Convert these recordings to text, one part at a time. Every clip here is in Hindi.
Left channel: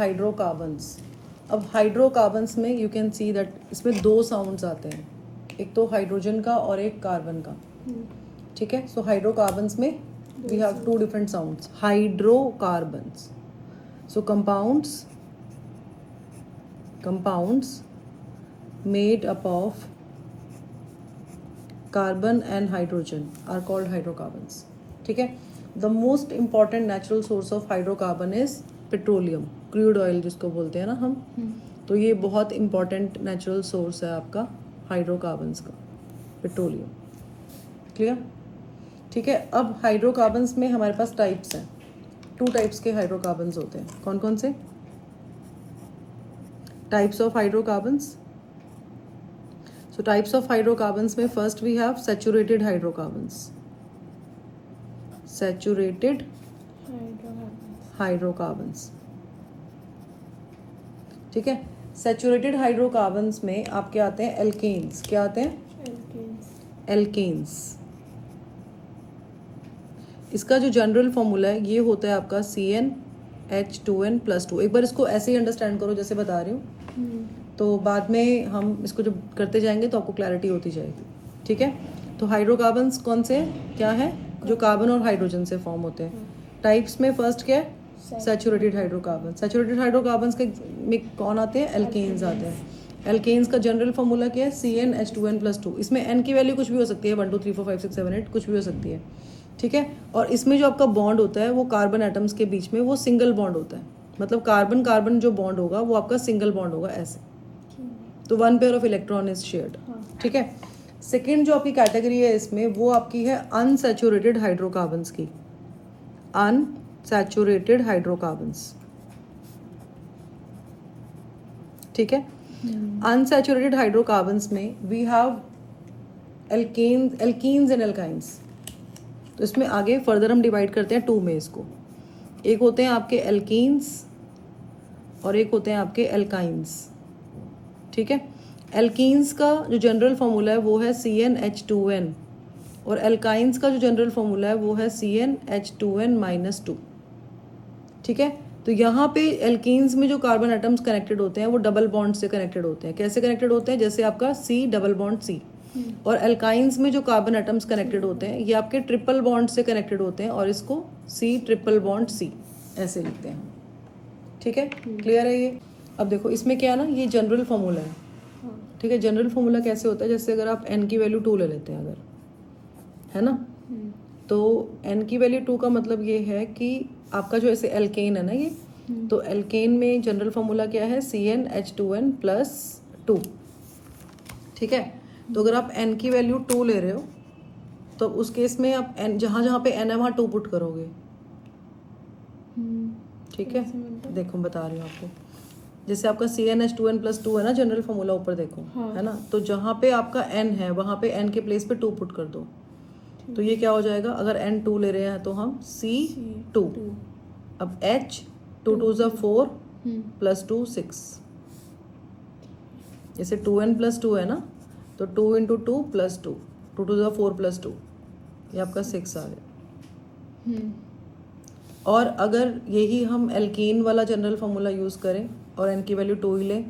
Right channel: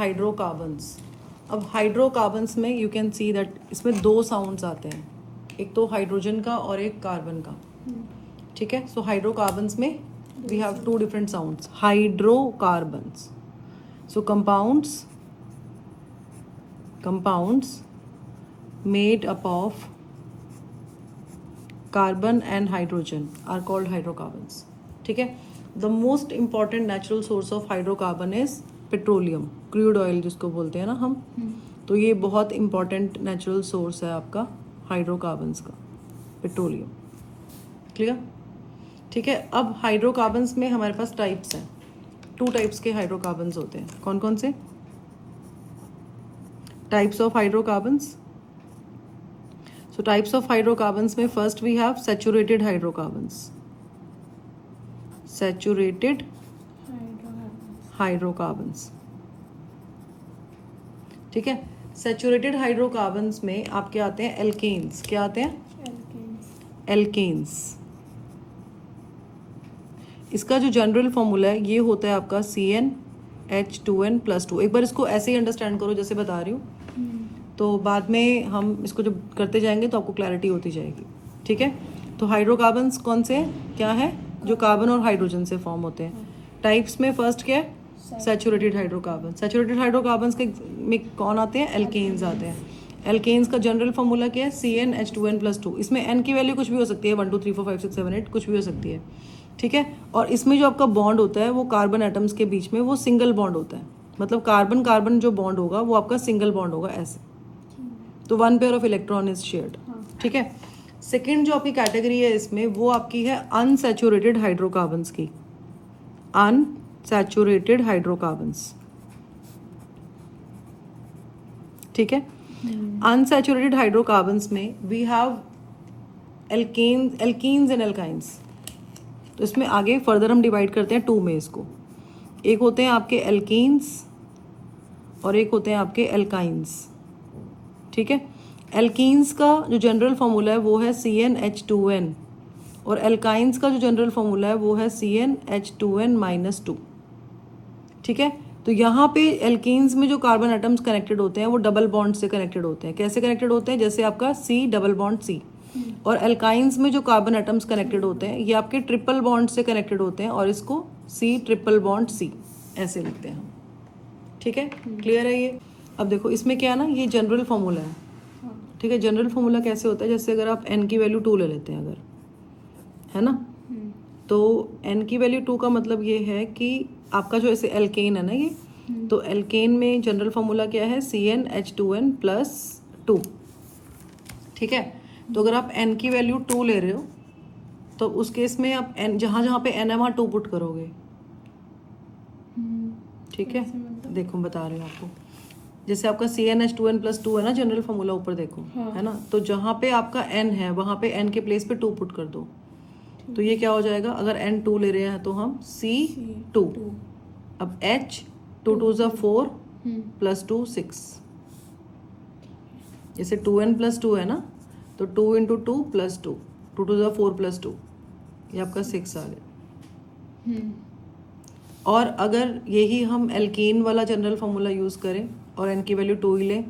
हाइड्रोकार्बन्स. अब हाइड्रोकार्बन्स में यू कैन सी दैट इसमें दो साउंड्स आते हैं, एक तो हाइड्रोजन का और एक कार्बन का. ठीक है. सो हाइड्रोकार्बन्स में we have two different sounds. Hydrocarbons. So compounds made up of carbon and hydrogen are called hydrocarbons. ठीक है. The most important natural source of hydrocarbon is petroleum, crude oil जिसको बोलते हैं ना हम. तो ये बहुत important natural source है आपका हाइड्रोकार्बन्स का, पेट्रोलियम. क्लियर. ठीक है. अब हाइड्रोकार्बन्स में हमारे पास टाइप्स हैं. 2 टाइप्स के हाइड्रोकार्बन्स होते हैं. कौन कौन से types of hydrocarbons? So types of hydrocarbons में first we have saturated hydrocarbons. Saturated hydrocarbons. ठीक है. Saturated hydrocarbons में आपके आते हैं alkanes. क्या आते हैं? Alkanes. इसका जो जनरल फॉर्मूला है ये होता है आपका CnH2n+2. एक बार इसको ऐसे ही अंडरस्टैंड करो जैसे बता रही हूँ, तो बाद में हम इसको जब करते जाएंगे तो आपको क्लैरिटी होती जाएगी. ठीक है. तो हाइड्रोकार्बन्स कौन से क्या है? जो कार्बन और हाइड्रोजन से फॉर्म होते हैं. टाइप्स में फर्स्ट क्या है? Saturated hydrocarbon. सैचुरेटेड हाइड्रोकार्बन्स के में कौन आते हैं? एल्केन्स आते हैं. एल्केन्स का जनरल फॉर्मूला क्या है? CnH2n+2. इसमें n की वैल्यू कुछ भी हो सकती है, 1 2 3 4 5 6 7 8 कुछ भी हो सकती है. ठीक है. और इसमें जो आपका बॉन्ड होता है वो कार्बन एटम्स के बीच में वो सिंगल बॉन्ड होता है. मतलब कार्बन कार्बन जो बॉन्ड होगा वो आपका सिंगल बॉन्ड होगा ऐसे. तो 1 pair of electron is shared. ठीक है. सेकेंड जो आपकी कैटेगरी है इसमें वो आपकी है अनसैचुरेटेड हाइड्रोकार्बन्स की. Unsaturated hydrocarbons. ठीक है. अनसैचुरेटेड हाइड्रोकार्बन्स में we have alkenes and alkynes. तो इसमें आगे फर्दर हम डिवाइड करते हैं 2 में इसको. एक होते हैं आपके एल्कीन्स और एक होते हैं आपके एल्काइंस. ठीक है. एल्कीन्स का जो जनरल फॉर्मूला है वो है CnH2n और एल्काइंस का जो जनरल फॉर्मूला है वो है CnH2n-2. ठीक है. तो यहाँ पे एल्कीन्स में जो कार्बन एटम्स कनेक्टेड होते हैं वो डबल बॉन्ड से कनेक्टेड होते हैं. कैसे कनेक्टेड होते हैं? जैसे आपका C डबल बॉन्ड C. और एल्काइंस में जो कार्बन एटम्स कनेक्टेड होते हैं ये आपके ट्रिपल बॉन्ड से कनेक्टेड होते हैं और इसको C ट्रिपल बॉन्ड C ऐसे लिखते हैं. ठीक है. क्लियर है ये? अब देखो इसमें क्या है ना, ये जनरल फॉर्मूला है. ठीक है. जनरल फॉर्मूला कैसे होता है? जैसे अगर आप n की वैल्यू 2 ले लेते हैं अगर, है ना, तो n की वैल्यू 2 का मतलब ये है कि आपका जो ऐसे एल्केन है ना ये, तो एल्केन में जनरल फॉर्मूला क्या है? CnH2n+2. ठीक है. तो अगर आप n की वैल्यू 2 ले रहे हो तो उस केस में आप n जहाँ जहाँ पे n है वहाँ 2 पुट करोगे. ठीक है. देखो बता रही हूँ आपको. जैसे आपका CnH2n+2 है ना जनरल फॉर्मूला, ऊपर देखो. है ना. तो जहाँ पे आपका n है वहाँ पे n के प्लेस पे 2 पुट कर दो. तो ये क्या हो जाएगा? अगर n 2 ले रहे हैं तो हम C2. अब H 2 2 4 +2 6. जैसे 2n+2 है ना, तो 2 × 2 +2, 2 2 4 +2, ये आपका 6 आ गया. और अगर यही हम एल्कीन वाला जनरल फॉर्मूला यूज करें और n की वैल्यू 2 ही लें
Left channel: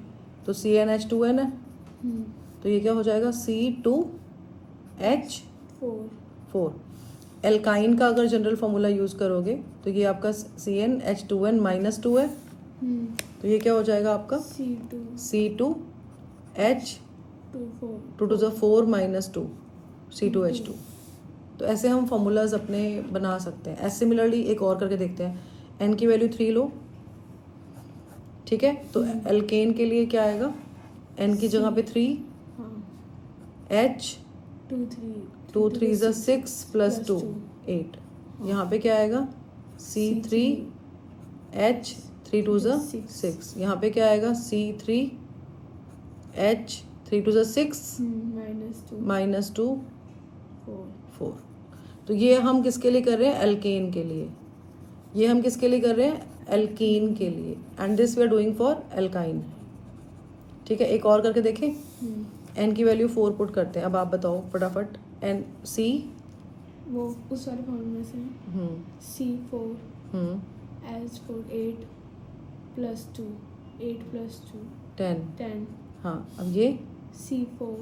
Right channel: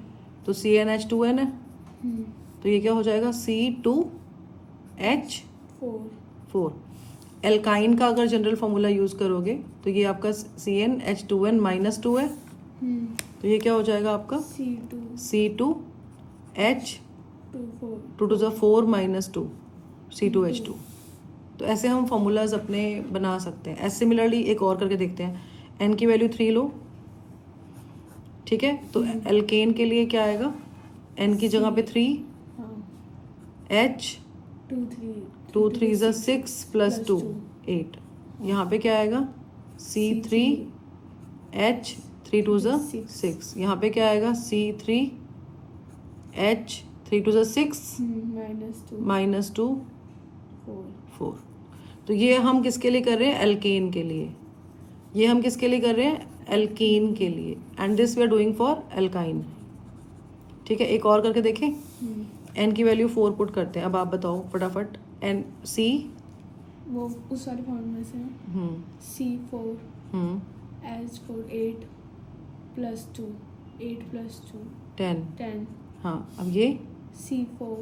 तो CnH2n है. तो ये क्या हो जाएगा? C2H4. एल्काइन का अगर जनरल फॉर्मूला यूज करोगे तो ये आपका CnH2n-2 है. तो ये क्या हो जाएगा आपका? C2H2 -2 C2H2. तो ऐसे हम फॉर्मूलाज अपने बना सकते हैं. ऐसे सिमिलरली एक और करके देखते हैं. n की वैल्यू 3 लो. ठीक है. तो एल्केन के लिए क्या आएगा? n की जगह पे 3, H 2 3 6 +2 8. यहाँ पे क्या आएगा? C3H 3 2 6. यहाँ पे क्या आएगा? C3H 3 2 6 -2 4. तो ये हम किसके लिए कर रहे हैं? एल्केन के लिए. ये हम किसके लिए कर रहे हैं? एल्कीन के लिए. And this we are doing for alkyne. ठीक है. एक और करके देखें. n की वैल्यू 4 पुट करते हैं. अब आप बताओ फटाफट. n C वो उस वाले फॉर्मूले से C4 H4 8 प्लस 2, 8 प्लस 2, 10। 10, हाँ, अब ये C4,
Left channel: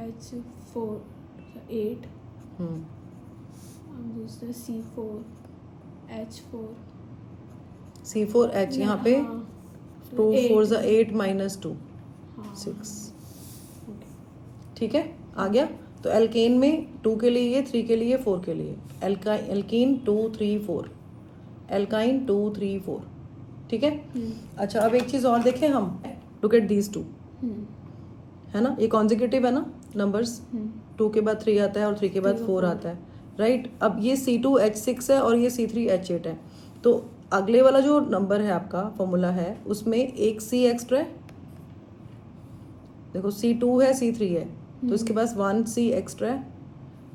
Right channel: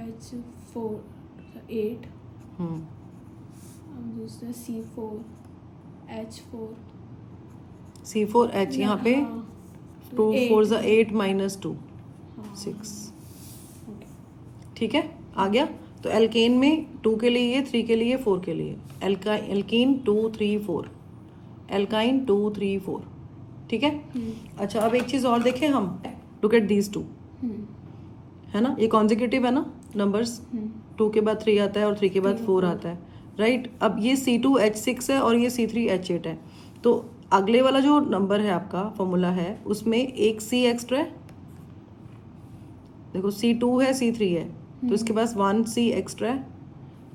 H4, 8, अब दूसरा C4, H4, C4H, यहाँ पे हाँ, 2 8, 4 ज़ा 8 माइनस 2 हाँ, 6। okay, ठीक है, आ गया। तो एल्केन में 2 के लिए, 3 के लिए, 4 के लिए। Alkene 2 3 4, alkyne 2 3 4। ठीक है। अच्छा, अब एक चीज़ और देखें हम। लुक एट दीज टू, है ना, ये कॉन्जिक्यूटिव है ना नंबर्स। 2 के बाद 3 आता है और 3 के बाद 4 आता है, राइट। अब ये C2H6 है और ये C3H8 है। तो अगले वाला जो नंबर है आपका फॉर्मूला है, उसमें एक C एक्स्ट्रा है। देखो C2 है, C3 है, तो इसके पास 1 C एक्स्ट्रा है।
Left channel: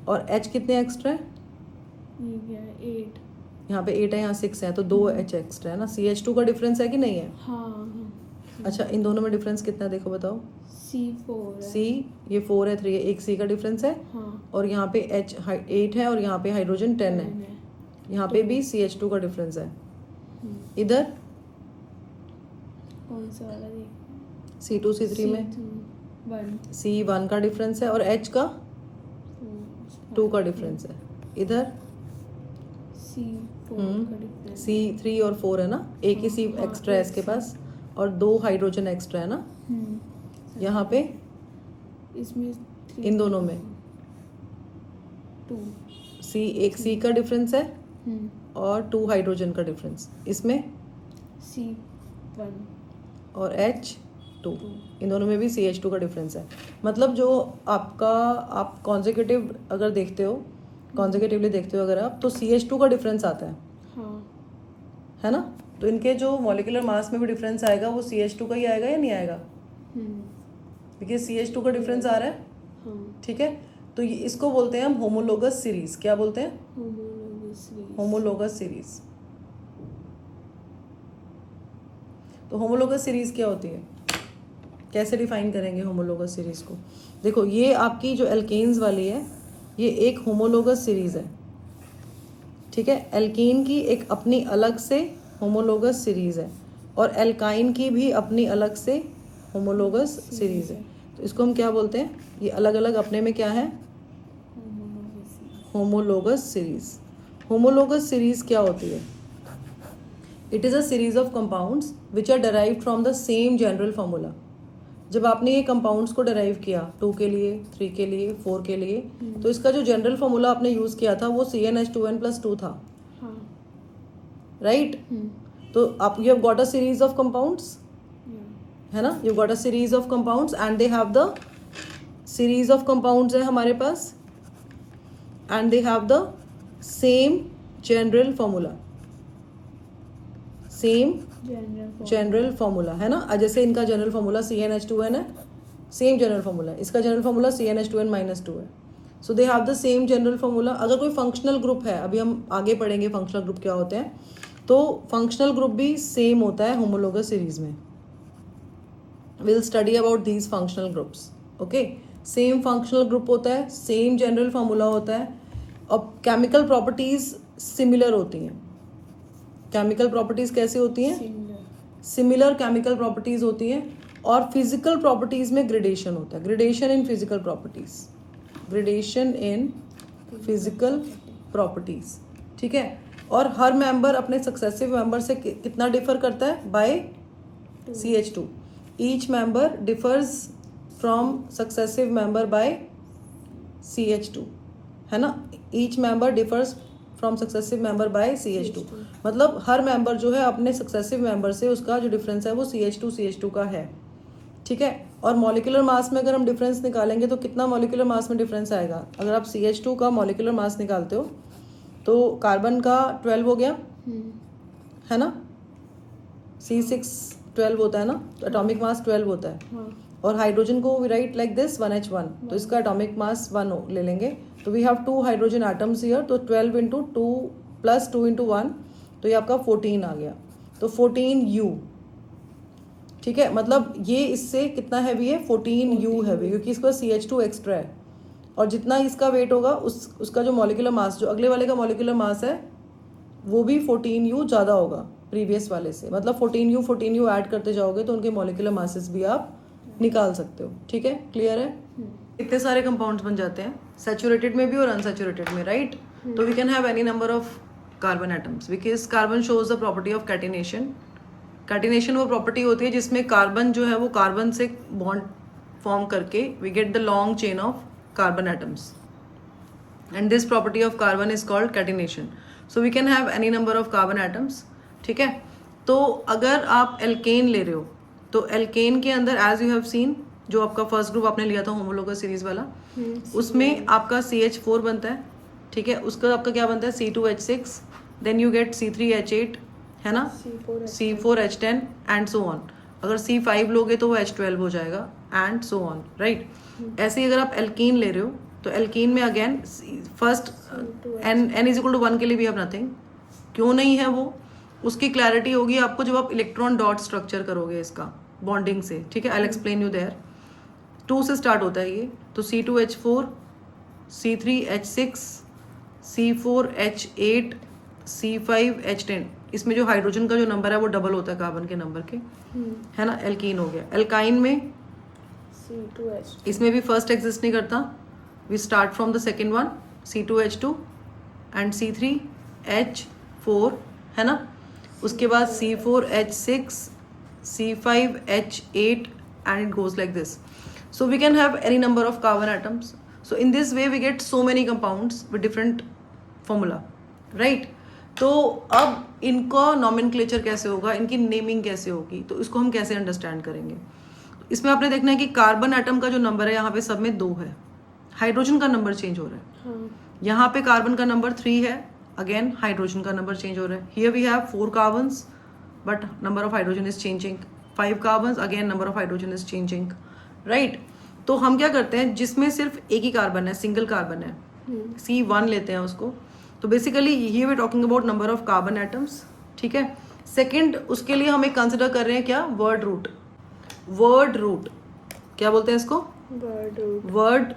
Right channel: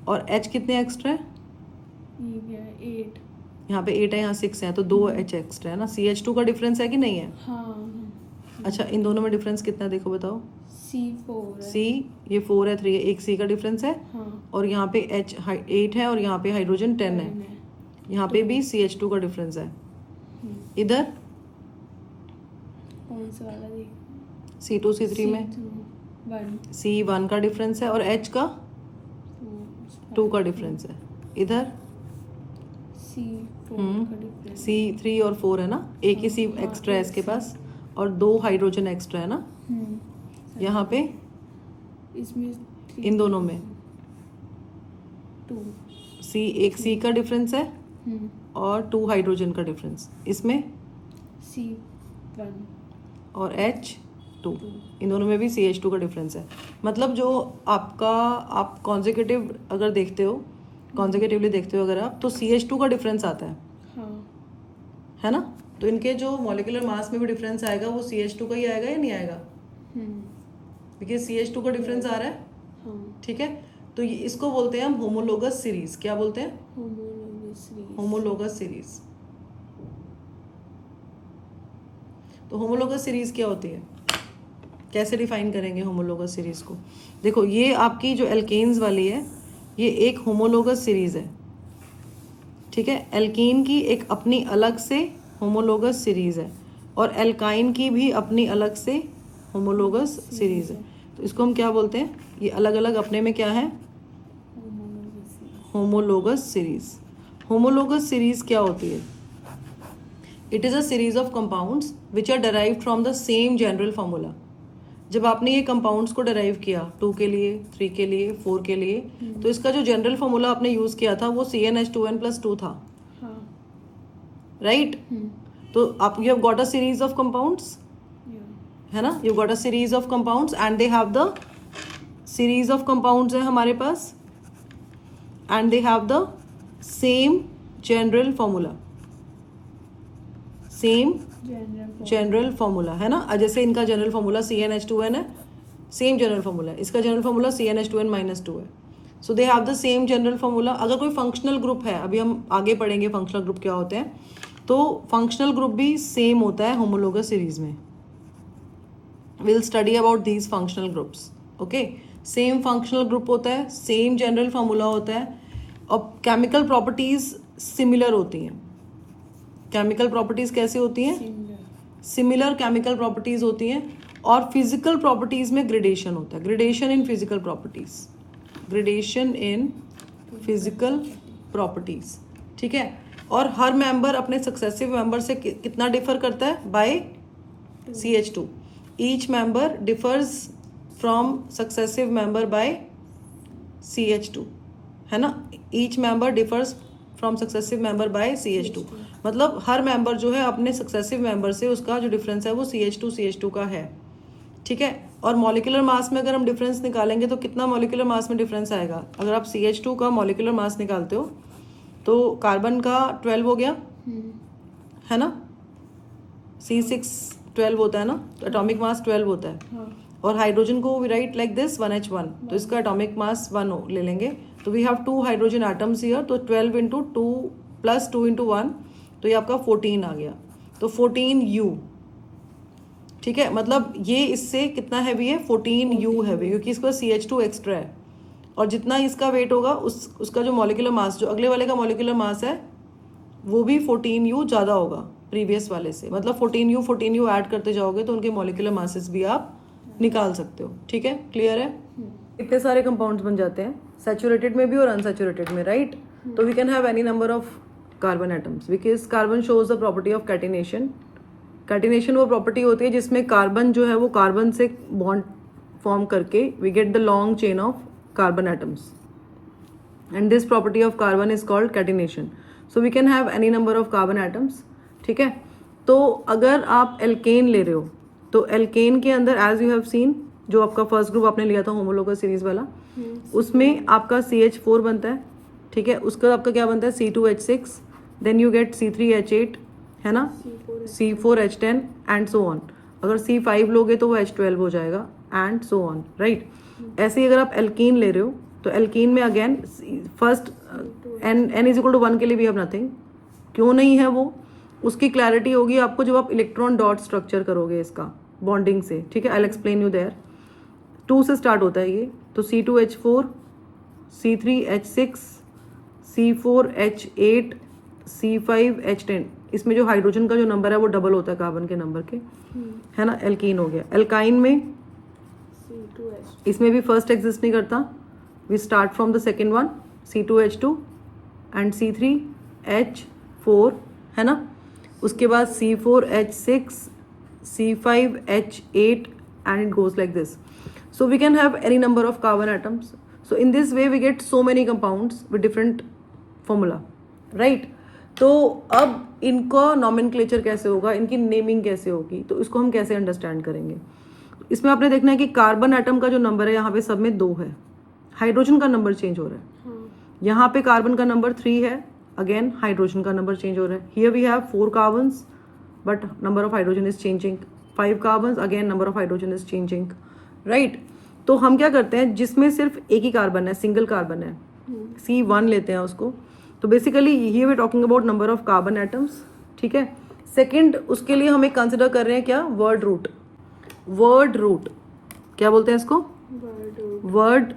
और H कितने एक्स्ट्रा है? ये क्या है 8, यहाँ पे 8 है, यहाँ 6 है, तो 2 H एक्स्ट्रा है ना। CH2 का डिफरेंस है कि नहीं है? हाँ, अच्छा, इन दोनों में डिफरेंस कितना है देखो बताओ। C4 है, C, ये 4 है, 3 है, एक C का डिफरेंस है। हाँ, और यहाँ पे H 8 है और यहाँ पे हाइड्रोजन 10 है। 10 है, यहाँ पे भी CH2 का डिफरेंस है। इधर कौन सा वाला देख? C2 C3 में C2, 1, C1 का डिफरेंस है और H का 2 का डिफरेंस है। इधर C4 का डिफरेंस, C3 और 4 है ना, एक ही C हाँ, एक्स्ट्रा है एक इसके C। पास और 2 हाइड्रोजन एक्स्ट्रा है ना। यहाँ पे इसमें इन दोनों में 2, एक C का डिफरेंस है और 2 हाइड्रोजन का डिफरेंस। इसमें C1, और H2, इन दोनों में भी CH2 का डिफरेंस है। मतलब जो आपका, आप कॉन्जिक्यूटिव अगर देखते हो, कॉन्जिक्यूटिवली देखते हो अगर आप, तो CH2 का डिफरेंस आता है, हाँ, है ना। तो इनके जो मॉलिक्यूलर मास में भी डिफरेंस आएगा वो CH2 का ही आएगा या नहीं आएगा? देखिए CH2 का डिफरेंस आ रहा है, हाँ, ठीक है। तो इसको बोलते हैं हम होमोलोगस सीरीज। क्या बोलते हैं? Homologous series, homologous series. तो होमोलोगस सीरीज क्या होती है, कैसे डिफाइन करेंगे होमोलोगस सीरीज को? देखो, ये आपकी जो एल्केन्स वाली है, ये एक होमोलोगस सीरीज है, ठीक है। एल्कीन की एक अपनी अलग से होमोलोगस सीरीज है और एल्काइन की भी अपनी अलग से होमोलोगस सीरीज है। तो इसको हम क्या बोलते हैं? ये अलग अलग अपने में क्या है? Homologous series. होमोलोगस सीरीज क्या होती है? It is a series of compounds which are derived from the same general formula. जब आपने ये कंपाउंड्स को डिराइव किया 2 के लिए, 3 के लिए, 4 के लिए, तो इसका जो जनरल फॉर्मूला आपने यूज किया था वो CnH2n+2 था, हाँ, राइट। तो आप, you have got a series of compounds, है ना, you got a series of compounds and they have the series of compounds है हमारे पास and they have the same general formula, same general formula, है ना। जैसे इनका जनरल फॉर्मूला CnH2n है, सेम जनरल फॉर्मूला, इसका जनरल फॉर्मूला CnH2n-2 है। So they have the same general formula. अगर कोई फंक्शनल ग्रुप है, अभी हम आगे पढ़ेंगे फंक्शनल ग्रुप क्या होते हैं, तो फंक्शनल ग्रुप भी सेम होता है होमोलोगस सीरीज में। Will study about these functional groups, okay. Same functional group होता है, सेम जनरल फॉर्मूला होता है और केमिकल प्रॉपर्टीज सिमिलर होती हैं। केमिकल प्रॉपर्टीज कैसे होती हैं? सिमिलर केमिकल प्रॉपर्टीज होती हैं। और फिजिकल प्रॉपर्टीज में ग्रेडेशन होता है, gradation in physical properties, gradation in physical properties, ठीक है। और हर मेंबर अपने सक्सेसिव मेंबर से कितना डिफर करता है? By CH2। Each member differs from successive member by CH2, है ना। Each member differs from successive member by CH2। मतलब हर मेंबर जो है अपने सक्सेसिव मेंबर से उसका जो डिफरेंस है वो CH2 का है, ठीक है। और मॉलिक्यूलर मास में अगर हम डिफरेंस निकालेंगे तो कितना मॉलिक्यूलर मास में डिफरेंस आएगा? अगर आप CH2 का मॉलिक्यूलर मास निकालते हो तो कार्बन का 12 हो गया, है ना। C6 12 होता है ना, एटॉमिक मास 12 होता है। हाँ, और हाइड्रोजन को we write like this 1H1, तो इसका एटॉमिक मास 1 ले लेंगे। तो we have 2 hydrogen atoms here, तो 12 × 2 + 2 × 1, तो ये आपका 14 आ गया। तो 14U, ठीक है। मतलब ये इससे कितना हैवी है? 14U हैवी, क्योंकि इसके पास CH2 एक्स्ट्रा है। और जितना इसका वेट होगा उसका जो मॉलिक्यूलर मास, जो अगले वाले का मॉलिक्यूलर मास है वो भी 14U ज़्यादा होगा, प्रीवियस वाले से, मतलब 14U ऐड करते जाओगे तो उनके मॉलिक्यूलर मासेस भी आप निकाल सकते हो। ठीक है, क्लियर है? इतने सारे कंपाउंड्स बन जाते हैं सैचुरेटेड में भी और अनसैचुरेटेड में, राइट? तो we can have any number of carbon atoms because carbon shows the property of catenation. Catenation वो प्रॉपर्टी होती है जिसमें कार्बन जो है वो कार्बन से बॉन्ड फॉर्म करके we get the long chain of carbon atoms, and this property of carbon is called catenation. So we can have any number of carbon atoms. ठीक है, तो अगर आप एल्केन ले रहे हो तो एल्केन के अंदर एज यू हैव सीन, जो आपका फर्स्ट ग्रुप आपने लिया था होमोलोगस सीरीज वाला, उसमें आपका CH4 बनता है। ठीक है, उसका आपका क्या बनता है C2H6, then you get C3H8, है ना, C4H10 एंड सो ऑन। अगर C5 लोगे तो वो H12 हो जाएगा एंड सो ऑन, राइट? ऐसे ही अगर आप एल्कीन ले रहे हो तो एल्कीन में again first n is equal to 1 के लिए भी हैव नथिंग। क्यों नहीं है वो, उसकी क्लैरिटी होगी आपको जब आप इलेक्ट्रॉन डॉट स्ट्रक्चर करोगे इसका बॉन्डिंग से। ठीक है, आई एक्सप्लेन यू देयर। 2 से स्टार्ट होता है ये, तो C2H4, C3H6, C4H8, C5H10, इसमें जो हाइड्रोजन का जो नंबर है वो डबल होता है कार्बन के नंबर के, है ना। एल्कीन हो गया। एल्काइन में इसमें भी फर्स्ट एग्जिस्ट नहीं करता, we start from the second one, C2H2 and C3H4, है ना। उसके बाद C4H6, C5H8 and it goes like this. So we can have any number of carbon atoms. So in this way we get so many compounds with different formula, right? तो अब इनका नॉमेनक्लेचर कैसे होगा, इनकी नेमिंग कैसे होगी, तो इसको हम कैसे अंडरस्टैंड करेंगे। इसमें आपने देखना है कि कार्बन एटम का जो नंबर है यहाँ पे सब में 2 है, हाइड्रोजन का नंबर चेंज हो रहा है। यहाँ पे कार्बन का नंबर 3 है, अगेन हाइड्रोजन का नंबर चेंज हो रहा है। Here we have 4 carbons but number of hydrogen is changing, 5 carbons, again number of hydrogen is changing, right. तो हम क्या करते हैं, जिसमें सिर्फ एक ही कार्बन है, सिंगल कार्बन है, C1 लेते हैं उसको। तो basically here we talking about number of carbon atoms. ठीक है, सेकेंड उसके लिए हम एक कंसिडर कर रहे हैं क्या, वर्ड रूट। वर्ड रूट क्या बोलते हैं इसको, वर्ड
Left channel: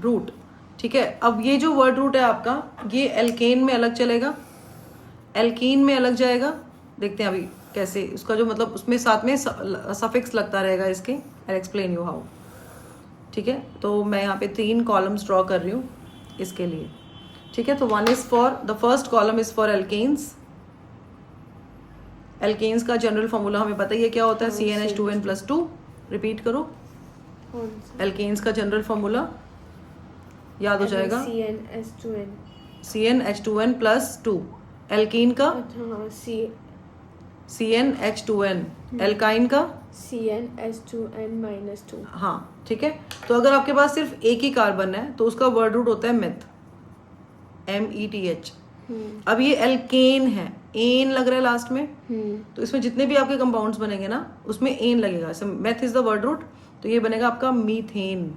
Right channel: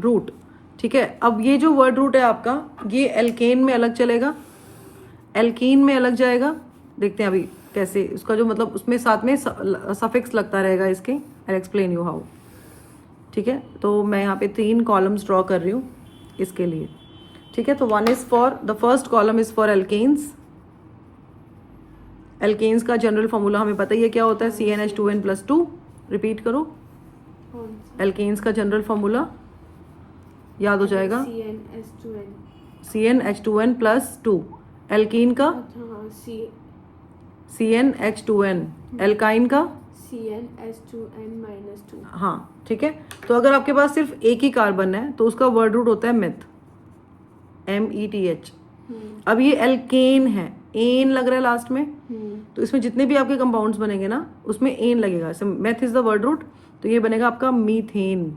रूट। ठीक है, अब ये जो वर्ड रूट है आपका, ये एल्केन में अलग चलेगा, एल्कीन में अलग जाएगा। देखते हैं अभी कैसे उसका जो मतलब उसमें साथ में सफिक्स लगता रहेगा इसके, आई एक्सप्लेन यू हाउ। ठीक है, तो मैं यहाँ पे 3 कॉलम्स ड्रॉ कर रही हूँ इसके लिए। ठीक है, तो one is for the first column is for alkanes. Alkanes का जनरल फॉर्मूला हमें पता ही है क्या होता है, CnH2n+2। रिपीट करो, एल्केन्स का जनरल फॉर्मूला याद हो जाएगा, CnH2n+2। एल्कीन का CnH2n, एल्काइन का CnH2n-2। हाँ, ठीक है। तो अगर आपके पास सिर्फ एक ही कार्बन है तो उसका वर्ड रूट होता है मेथ, METH। अब ये एल्केन है, एन लग रहा है लास्ट में, तो इसमें जितने भी आपके कंपाउंड्स बनेंगे ना उसमें एन लगेगा। जैसे meth is the word root, तो ये बनेगा आपका मीथेन।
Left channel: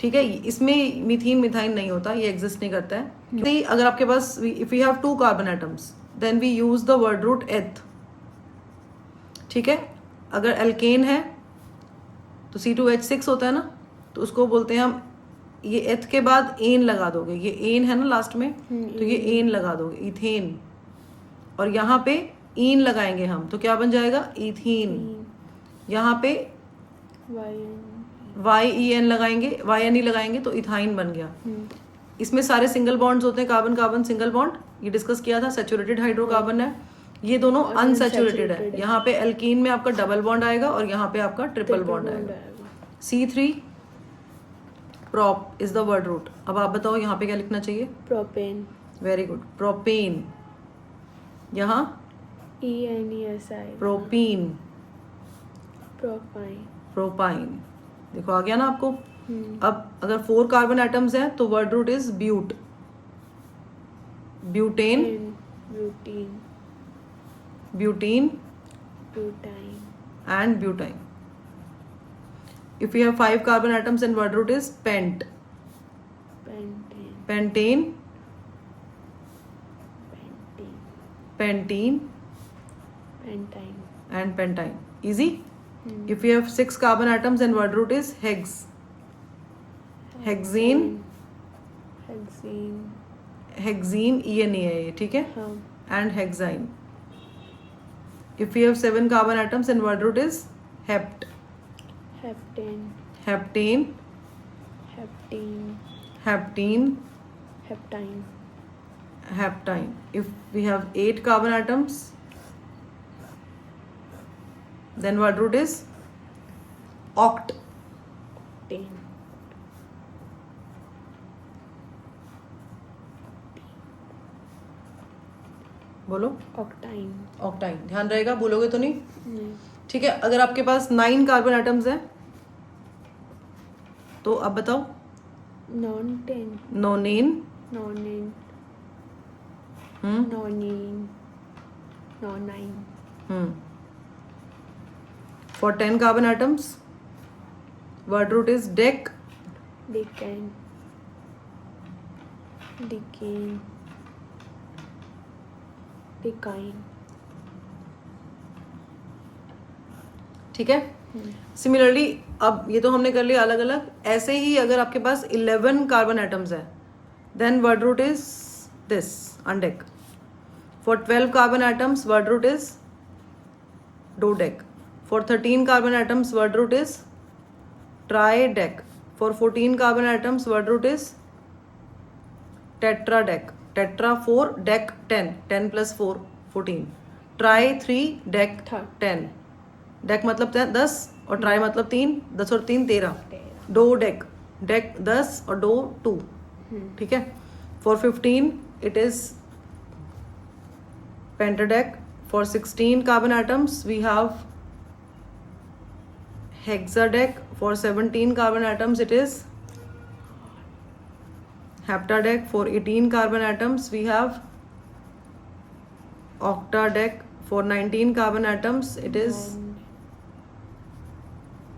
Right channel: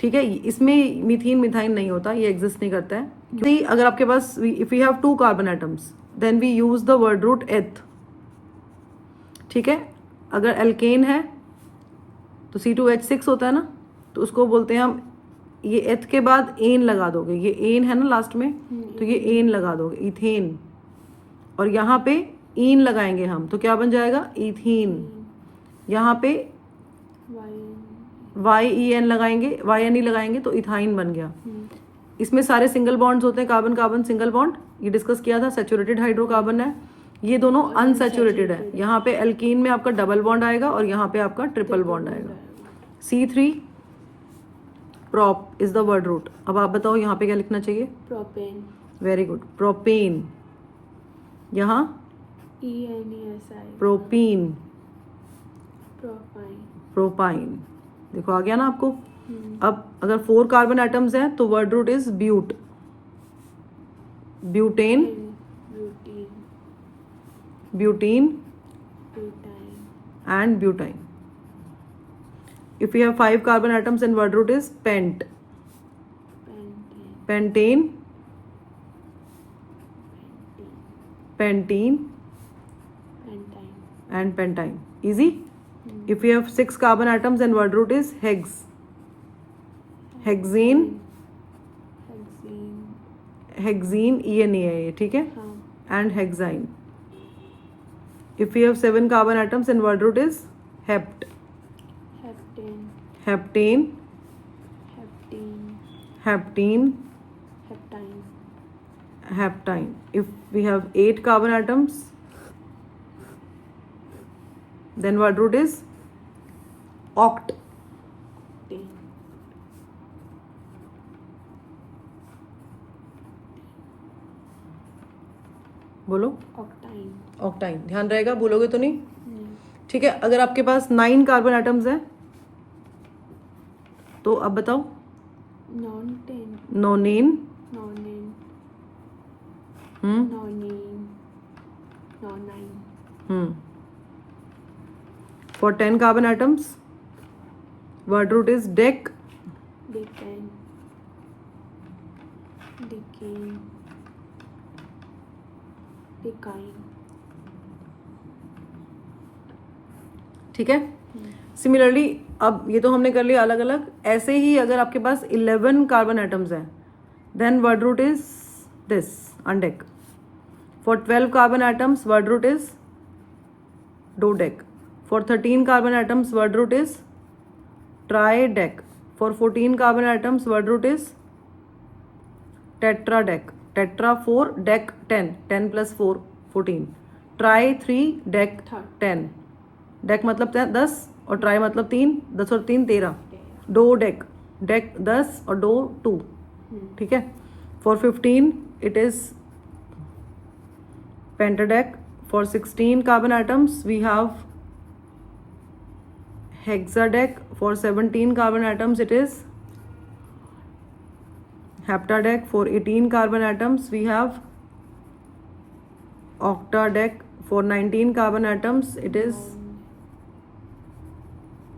ठीक है, इसमें मीथेन मिथाइन नहीं होता, ये एग्जिस्ट नहीं करता है। अगर आपके पास if you have 2 carbon atoms then we use the word root eth. ठीक है, अगर एल्केन है तो C2H6 होता है ना, तो उसको बोलते हैं हम, ये एथ के बाद एन लगा दोगे, ये एन है ना लास्ट में, तो ये एन लगा दोगे, इथेन। और यहाँ पे ईन लगाएंगे हम, तो क्या बन जाएगा, इथीन। यहाँ पे YEN लगाएंगे, YNE लगाएंगे तो इथाइन बन गया। इसमें सारे सिंगल बॉन्ड्स होते हैं, कार्बन कार्बन सिंगल बॉन्ड, ये डिस्कस किया था। सैचुरेटेड हाइड्रोकार्बन है, ये दोनों अनसैचुरेटेड है। यहाँ पे एल्कीन में आपका डबल बॉन्ड आएगा और यहाँ पे आपका ट्रिपल बॉन्ड आएगा। C3 prop is the word root. अब आप बताओ यहाँ पे क्या लिखना चाहिए, प्रोपेन। Very good, propane. यहाँ ENESI, प्रोपीन, प्रोपाइन। प्रोपाइन। देखो आ गया ना आपको। अब अगर 4 कार्बन एटम्स हैं तो word root is but, butane, butene, butene butyne, and butane. If you have 5 carbon atoms and word root is pent, pentane, pentane, pentene, pentene pentyne, and pentyne. Easy. If you have 6 carbon atoms and word root is hex, hexane, hexene, hexene, ENA, ठीक है, हाँ, and hexine. If we have 7 carbon atoms, then word root is hept. heptane, Heptane, heptene, heptene, heptine, heptine. If we have 8 carbon atoms, then word root is oct. octane, बोलो octine, ऑक्टाइन. ध्यान रहेगा, बोलोगे तो नहीं. नहीं, ठीक है. अगर आपके पास 9 कार्बन एटम्स हैं तो अब बताओ. non-tane, nonane. nonane, hmm nonene, nonine, hmm for 10 carbon atoms word root is dec. decane, decane, decine, ठीक है. सिमिलरली अब ये तो हमने कर लिया अलग अलग. ऐसे ही अगर आपके पास 11 कार्बन एटम्स हैं then word root is this undec. For 12 carbon atoms word root is dodec. For 13 carbon atoms word root is tridec. For 14 carbon atoms word root is tetradec. Tetra 4 dec 10. 10 plus 4 14. Tri 3 dec 10. Dec मतलब 10 और ट्राई मतलब 3. 10 और 3 13. Dough deck. डेक 10 और डो 2. ठीक है. For 15 it is pentadec. For 16 carbon atoms we have hexadec. For 17 carbon atoms it is heptadeck. For 18 carbon atoms we have octadeck. For 19 carbon atoms it is,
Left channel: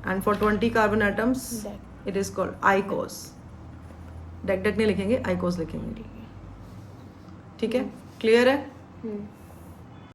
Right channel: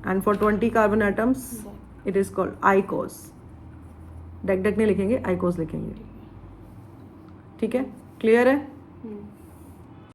and for 20 carbon atoms it is called icos. Deck नहीं लिखेंगे, आइकोस लिखेंगे. ठीक है. क्लियर है.